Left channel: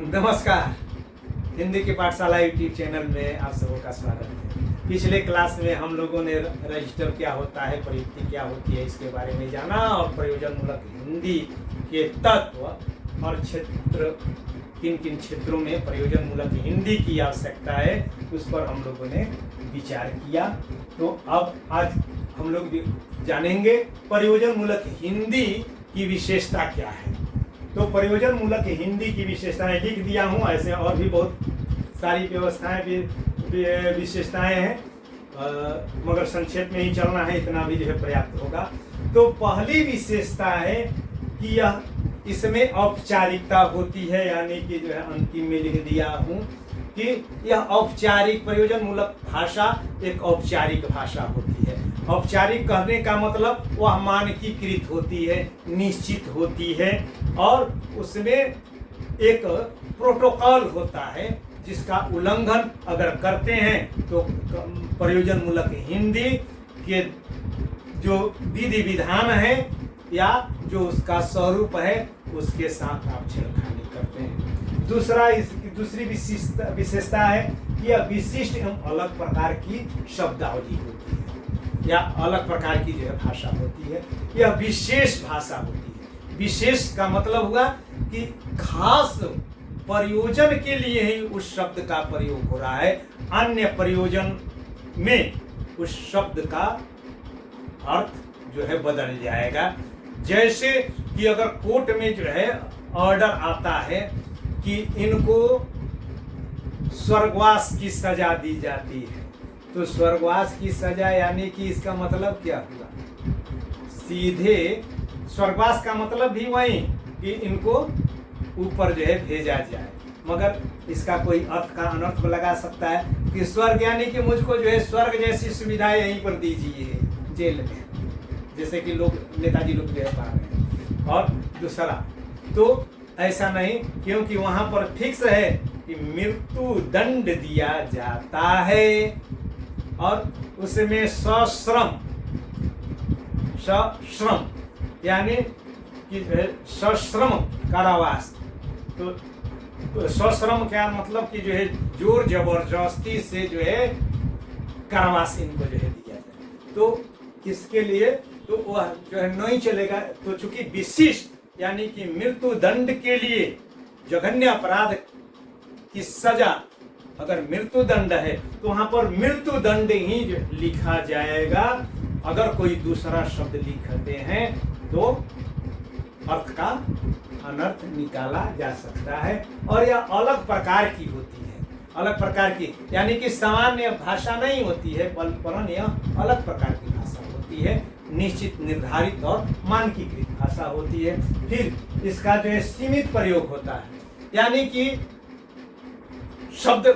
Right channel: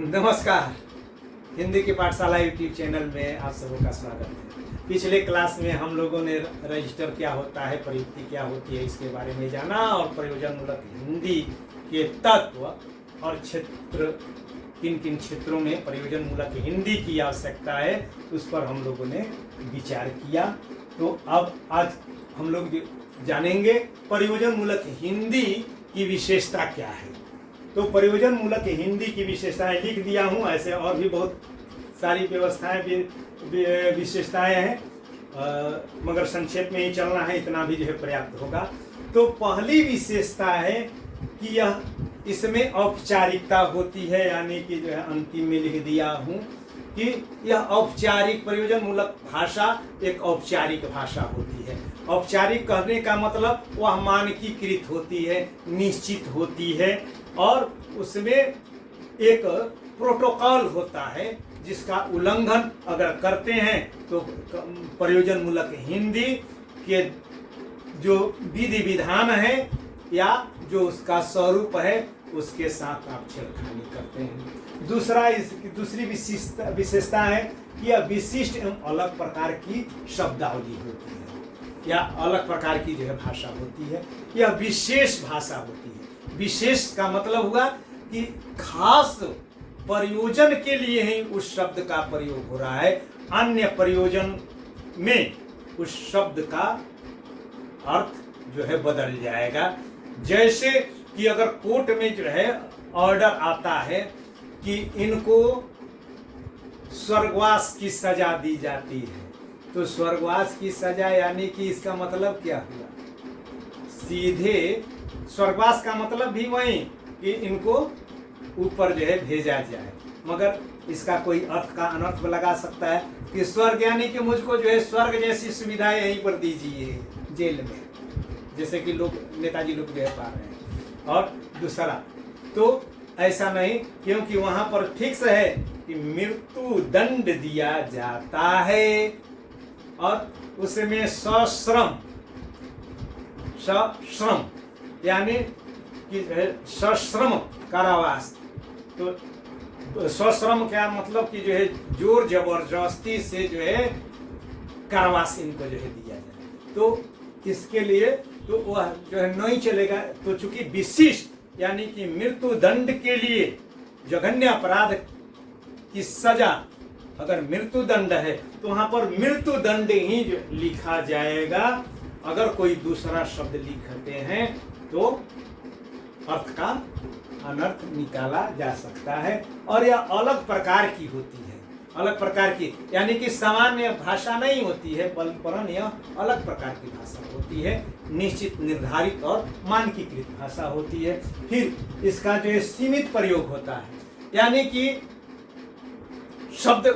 नमस्कार। हिंदी की पाठशाला यूट्यूब चैनल में आप सबों का स्वागत है। पिछले क्लास में हम लोगों ने रजिस्टर क्या होता है, प्रयुक्ति क्या होती है, इसके बारे में जाना और प्रयोजनमूलक हिंदी के तत्व और क्षेत्र, किन किन क्षेत्रों में प्रयोजनमूलक हिंदी की आवश्यकता है उस पर हम लोगों ने विचार किया। तो अब आज हम लोग जानेंगे प्रयोजनमूलक हिंदी की विशेषता क्या है। तो प्रयोजनमूलक हिंदी की विशेषताएं लिख दिया हूँ, ऐसे और भी बहुत सारी व्यवस्थाएं विशेषताएं हैं, मगर संक्षेप में ही चलना है, इतना भी जो है पर्याप्त होगा। तो पहली विशेषता है कि यह इसमें औपचारिकता होती है, यानी कि जो है अंतिम में लिख दिया हूँ कि यह औपचारिक प्रयोजनमूलक भाषा एक औपचारिक भाषा होती है। औपचारिक कहने का मतलब वह मानकीकृत होती है, निश्चित होती है और उसमें एक प्रोटोकॉल होता है जिसका उल्लंघन अगर करते हैं तो प्रयोजनमूलक हिंदी के जो विधि विधान है या जो उसका स्वरूप है उसके साथ आप छेड़खानी करते हैं। दूसरी विशेषता है कि यह विशिष्ट एवं अलग प्रकार की शब्दावली होती है या अलग प्रकार की जो है भाषा होती है। यह विशेष भाषा होती है। विशेष का मतलब हुआ कि खास प्रयोजन के लिए ही उस शब्द का प्रयोग हो रहा है, अन्य प्रयोजन में उस शब्द का अर्थ जो है बदल जाएगा। जैसे कि अगर कोर्ट में जो है ऑर्डर आता है कि इनको स्वर्गवास की सजा दी जाती है, तो स्वर्गवास की सजा यानी कि इसका मतलब क्या हुआ, सीधे स्वर्गवास का मतलब भी वही कि इनको ऊपर जो है भेजा जाए, मगर इसका कोई अर्थ का अनर्थ लगा सकता है कि स्वर्ग यानी कि मुझको जो है स्वर्ग जैसी सुविधाएं यहीं पर दीजिए जेल में, जैसे कि लोग नेताजी लोग जो है पा रहे हैं। और दूसरा तो ऐसा नहीं, क्योंकि वहां पर फिक्स है कि मृत्यु दंड दिया जाता है और उसमें सश्रम यानी कि सश्रम कारावास। तो सश्रम क्या मतलब कि जो है जोर जबरदस्ती से जो है कारावास इनको जो है दिया जाए, तो इसके लिए तो वह जो है नहीं चलेगा। तो चूंकि विशिष्ट यानी कि मृत्यु दंड के लिए जघन्य अपराध की सजा अगर मृत्यु दंड है तो वहां पर मृत्यु दंड ही लिखा जाएगा। अगर कोई दूसरा शब्द लिखते हैं तो अर्थ का अनर्थ निकाला जा सकता है। और यह अलग प्रकार की होती है, अलग प्रकार की यानी कि सामान्य भाषा नहीं होती है, परंतु यह अलग प्रकार की भाषा होती है, निश्चित निर्धारित और मानकीकृत भाषा होती है। फिर इसका जो है सीमित प्रयोग होता है, यानी कि शब्द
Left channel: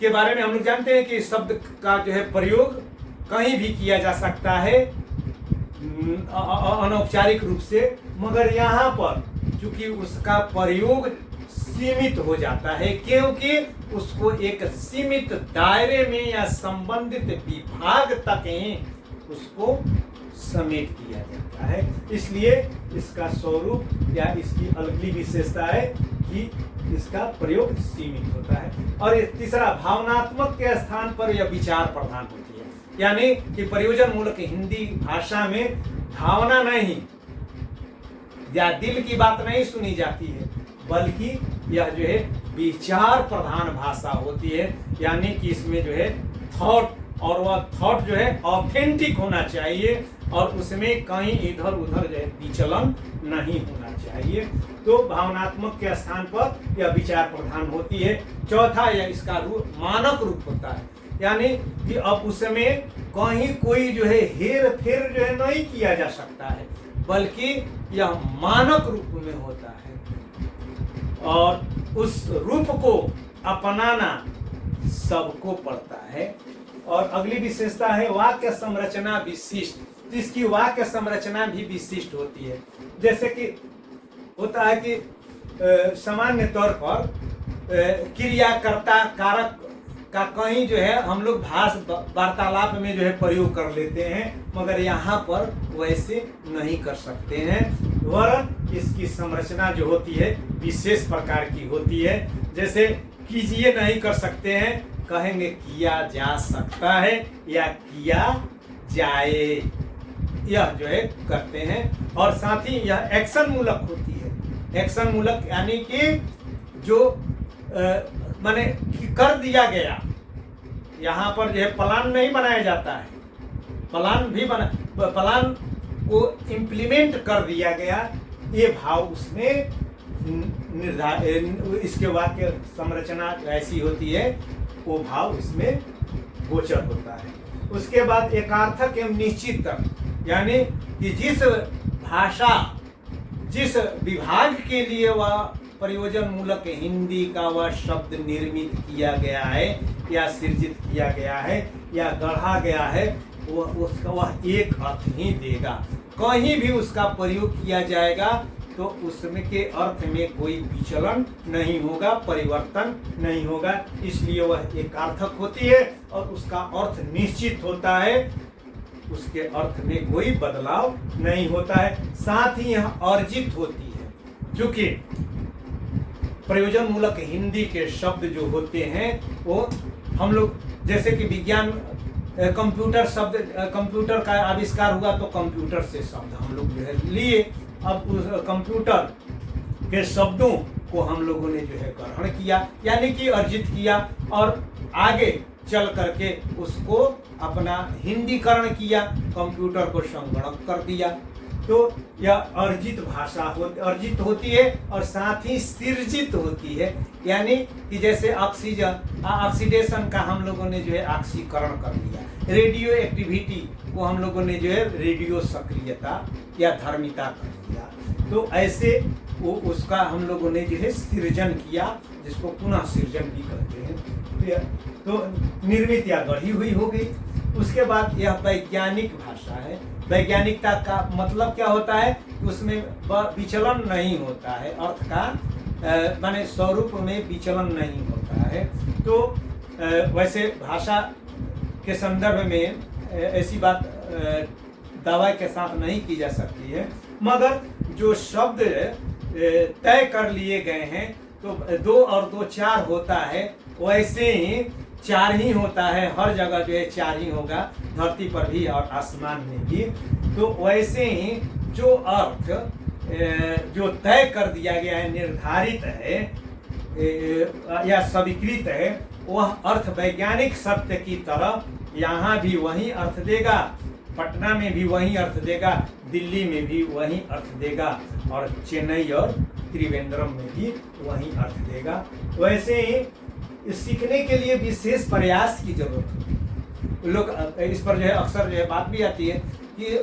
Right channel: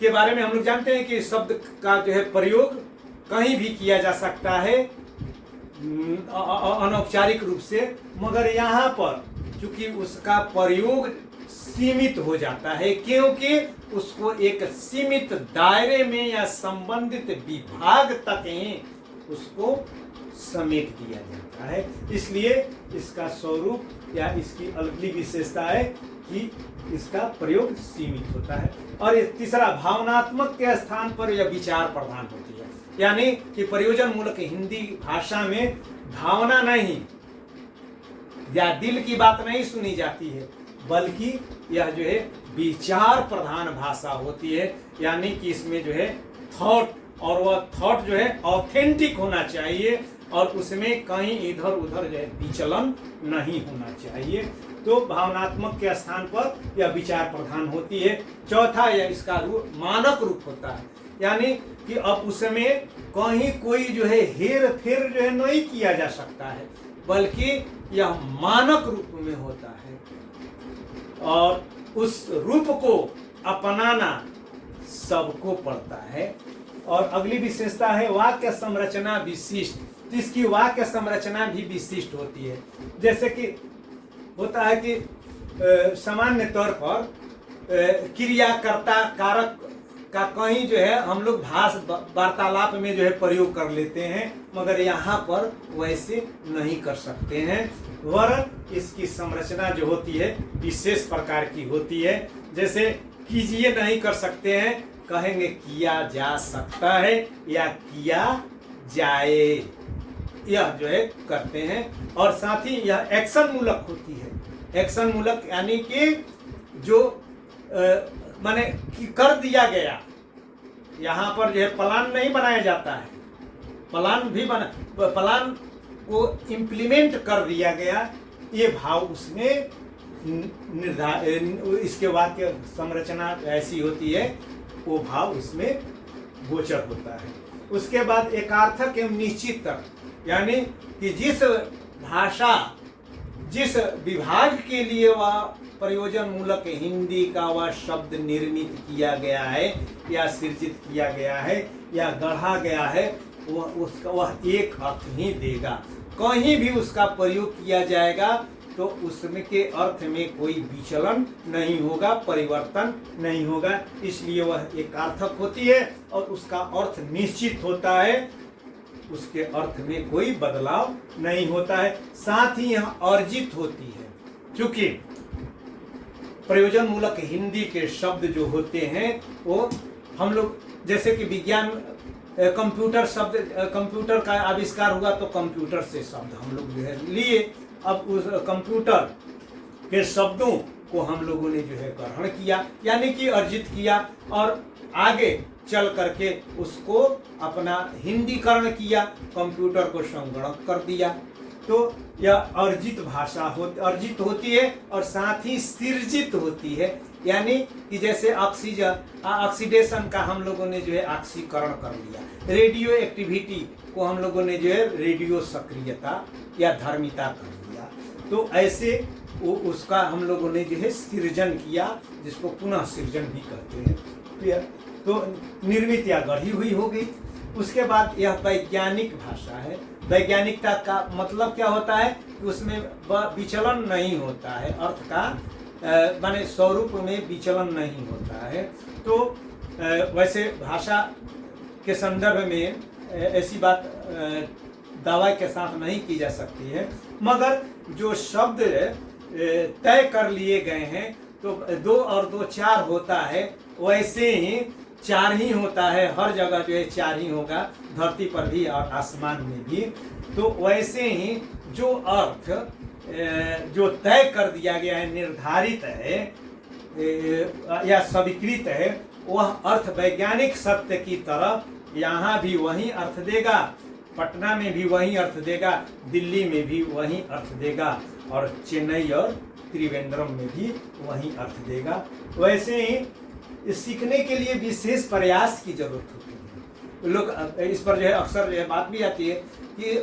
के बारे में हम लोग जानते हैं कि शब्द का जो है प्रयोग कहीं भी किया जा सकता है अनौपचारिक रूप से, मगर यहाँ पर चूंकि उसका प्रयोग सीमित हो जाता है, क्योंकि उसको एक सीमित दायरे में या संबंधित विभाग तक ही उसको समेट दिया जाता है। इसलिए इसका स्वरूप या इसकी अगली विशेषता है कि इसका प्रयोग सीमित होता है। और तीसरा, भावनात्मक के स्थान पर यह विचार प्रधान होती है, यानी कि प्रयोजनमूलक हिंदी भाषा में भावना नहीं या दिल की बात नहीं सुनी जाती है, बल्कि यह जो है विचार प्रधान भाषा होती है, यानी कि इसमें जो है थॉट, और वह थॉट जो है ऑथेंटिक होना चाहिए और उसमें कहीं इधर उधर जो है विचलन नहीं होना चाहिए। तो भावनात्मक के स्थान पर यह विचार प्रधान होती है। चौथा, यह इसका रूप मानक रूप होता है, यानी कि अब उसमें कहीं कोई जो है हेर फेर जो है नहीं किया जा सकता है, बल्कि यह मानक रूप में होता है और उस रूप को अपनाना सबको पड़ता है। और अगली विशेषता है वाक्य संरचना विशिष्ट। इसकी वाक्य संरचना भी विशिष्ट होती है। जैसे कि होता है कि सामान्य तौर पर क्रियाकर्ता कारक का कहीं जो है हम लोग भाष वार्तालाप में जो है प्रयोग कर लेते हैं, मगर यहाँ पर वैसे नहीं कर सकते हैं। वरन इसकी संरचना जो होती है विशेष प्रकार की होती है। जैसे कीजिए नहीं कर सकते हैं, कहेंगे किया जा सकता है या किया जाए, यह जो है करते हैं। और साथ ही यह एक्शन मूलक होती है। एक्शन मूलक यानी कि जो माने कर दिया गया, यहाँ पर जो है प्लान नहीं बनाया जाता है, प्लान को इम्प्लीमेंट कर दिया गया, ये भाव उसमें इसके वाक्य संरचना ऐसी होती है, वो भाव इसमें गोचर होता है। उसके बाद एकार्थक एवं निश्चित तर्क, यानी कि जिस भाषा जिस विभाग के लिए वह प्रयोजन मूलक हिंदी का वह शब्द निर्मित किया गया है या सृजित किया गया है या गढ़ा गया है, वह एक अर्थ ही देगा। कहीं भी उसका प्रयोग किया जाएगा तो उसमें के अर्थ में कोई विचलन नहीं होगा, परिवर्तन नहीं होगा, इसलिए वह एकार्थक होती है और उसका अर्थ निश्चित होता है, उसके अर्थ में कोई बदलाव नहीं होता है। साथ ही यह अर्जित होती है, क्योंकि प्रयोजन मूलक हिंदी के शब्द जो होते हैं वो हम लोग, जैसे कि विज्ञान कंप्यूटर का आविष्कार हुआ तो कंप्यूटर से शब्द हम लोग जो है लिए, अब उस कंप्यूटर के शब्दों को हम लोगों ने जो है ग्रहण किया, यानी कि अर्जित किया और आगे चल करके उसको अपना हिंदीकरण किया, कंप्यूटर को संगणक कर दिया। तो यह अर्जित भाषा अर्जित होती है और साथ ही सृजित होती है, यानी कि जैसे ऑक्सीडेशन का हम लोगों ने जो है ऑक्सीकरण कर लिया, रेडियो एक्टिविटी को हम लोगों ने जो है रेडियो सक्रियता या धर्मिता कर लिया, तो ऐसे वो उसका हम लोगों ने जो है सृजन किया, जिसको पुनः सृजन भी कहते हैं। तो निर्मित या गढ़ी हुई हो गई। उसके बाद यह वैज्ञानिक भाषा है। वैज्ञानिकता का मतलब क्या होता है कि उसमें विचलन नहीं होता है, अर्थ का माने स्वरूप में विचलन नहीं होता है। तो वैसे भाषा के संदर्भ में ऐसी बात दावा के साथ नहीं की जा सकती है, मगर जो शब्द तय कर लिए गए हैं तो 2 और 2 4 होता है, वैसे ही 4 ही होता है, हर जगह जो है 4 ही होगा, धरती पर भी और आसमान में भी। तो वैसे ही जो अर्थ जो तय कर दिया गया है, निर्धारित है या स्वीकृत है, वह अर्थ वैज्ञानिक सत्य की तरह यहाँ भी वही अर्थ देगा, पटना में भी वही अर्थ देगा, दिल्ली में भी वही अर्थ देगा और चेन्नई और त्रिवेंद्रम में भी वही अर्थ देगा। वैसे ही सीखने के लिए विशेष प्रयास की जरूरत होती है। लोग इस पर जो है अक्सर जो है बात भी आती है कि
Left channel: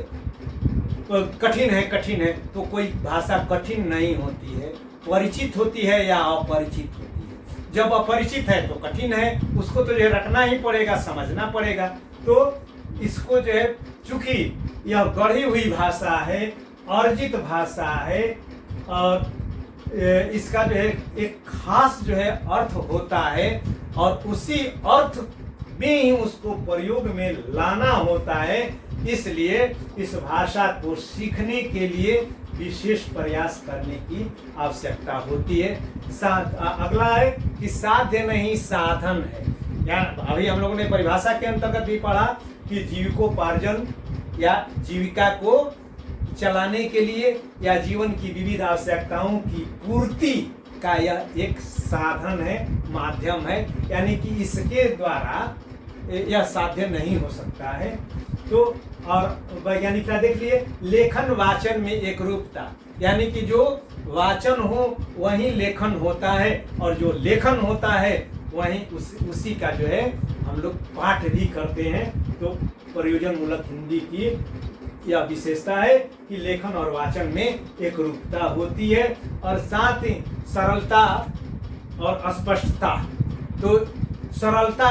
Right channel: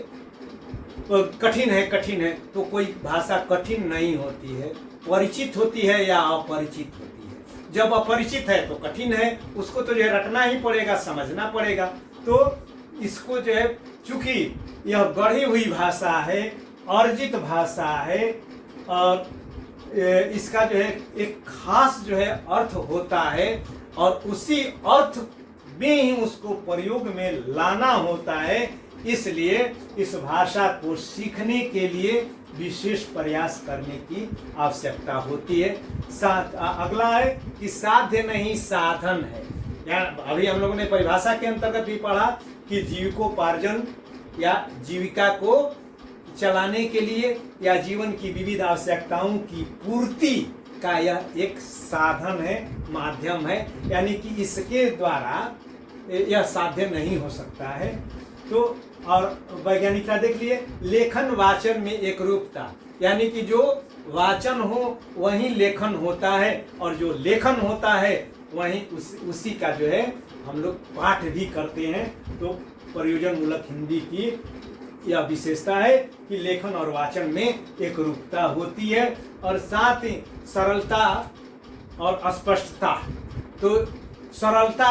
कठिन है, तो कोई भाषा कठिन नहीं होती है, परिचित होती है या अपरिचित होती है। जब अपरिचित है तो कठिन है, उसको तो जो है रटना ही पड़ेगा, समझना पड़ेगा। तो इसको जो है, चूंकि यह गढ़ी हुई भाषा है, अर्जित भाषा है और इसका जो है एक खास जो है अर्थ होता है और उसी अर्थ में ही उसको प्रयोग में लाना होता है, इसलिए इस भाषा को सीखने के लिए विशेष प्रयास करने की आवश्यकता होती है। अगला है कि साध्य नहीं साधन है। अभी हम लोगों ने परिभाषा के अंतर्गत भी पढ़ा कि जीविकोपार्जन या जीविका को चलाने के लिए या जीवन की विविध आवश्यकताओं की पूर्ति का यह एक साधन है, माध्यम है, यानी कि इसके द्वारा यह साध्य नहीं हो सकता है। तो और वैज्ञानिकता देख लिए, लेखन वाचन में एक रूपता, यानी कि जो वाचन हो वही लेखन होता है और जो लेखन होता है वही उसी का जो है हम लोग पाठ भी करते हैं। तो प्रयोजन मूलक हिंदी की यह विशेषता है कि लेखन और वाचन में एक रूपता होती है और साथ ही सरलता और स्पष्टता। तो सरलता,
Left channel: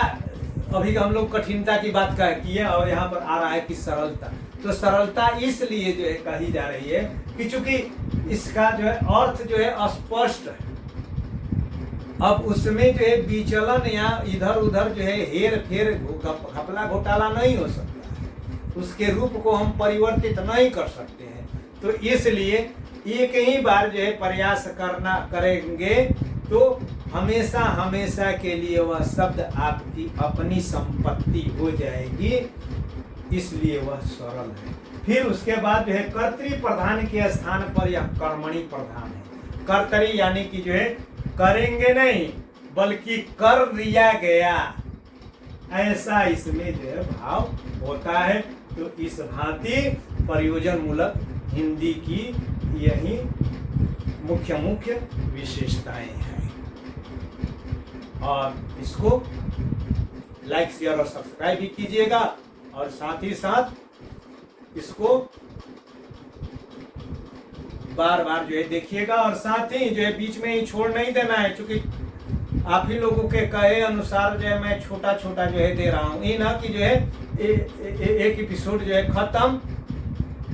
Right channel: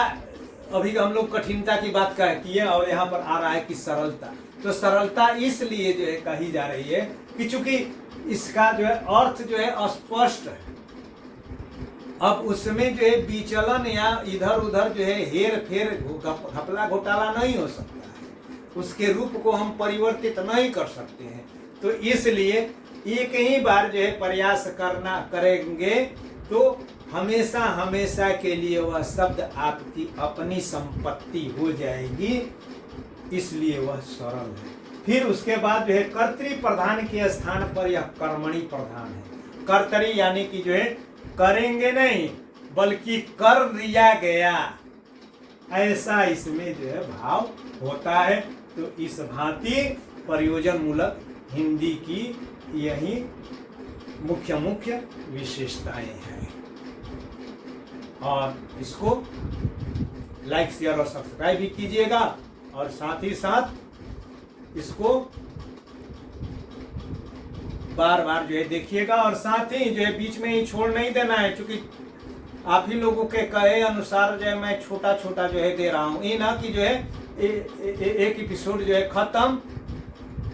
अभी हम लोग कठिनता की बात किए और यहाँ पर आ रहा है कि सरलता। तो सरलता इसलिए जो है कही जा रही है कि चूंकि इसका जो है अर्थ जो है स्पष्ट है, अब उसमें जो है विचलन या इधर उधर जो है हेर फेर घपला घोटाला नहीं हो सकता है, उसके रूप को हम परिवर्तित नहीं कर सकते हैं। तो इसलिए एक ही बार जो है प्रयास करना करेंगे तो हमेशा हमेशा के लिए वह शब्द आपकी अपनी संपत्ति हो जाएगी, इसलिए वह सरल है। फिर उसके बाद जो है कर्तरी प्रधान के स्थान पर यह कर्मणि प्रधान है। कर्तरी यानी कि जो है करेंगे नहीं बल्कि कर दिया गया, ऐसा इसमें जो है भाव होता है। तो इस भांति प्रयोजन मूलक हिंदी की यही मुख्य मुख्य विशेषताएं हैं। और इसको लाइक शेयर और सब्सक्राइब भी कीजिएगा और साथ ही साथ इसको बार बार जो है देखिएगा और साथ ही जो है बीच में ही छोड़ नहीं देना है, क्योंकि आप ही लोगों के कहे अनुसार जो है मैं छोटा छोटा जो है दे रहा हूँ। ये ना कि जो है एक एपिसोड जो है खत्म,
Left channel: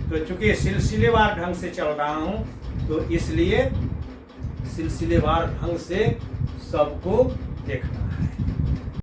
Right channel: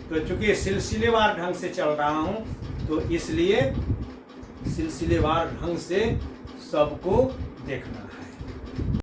तो चूंकि सिलसिलेवार ढंग से चल रहा हूँ तो इसलिए सिलसिलेवार ढंग से सबको देखना है।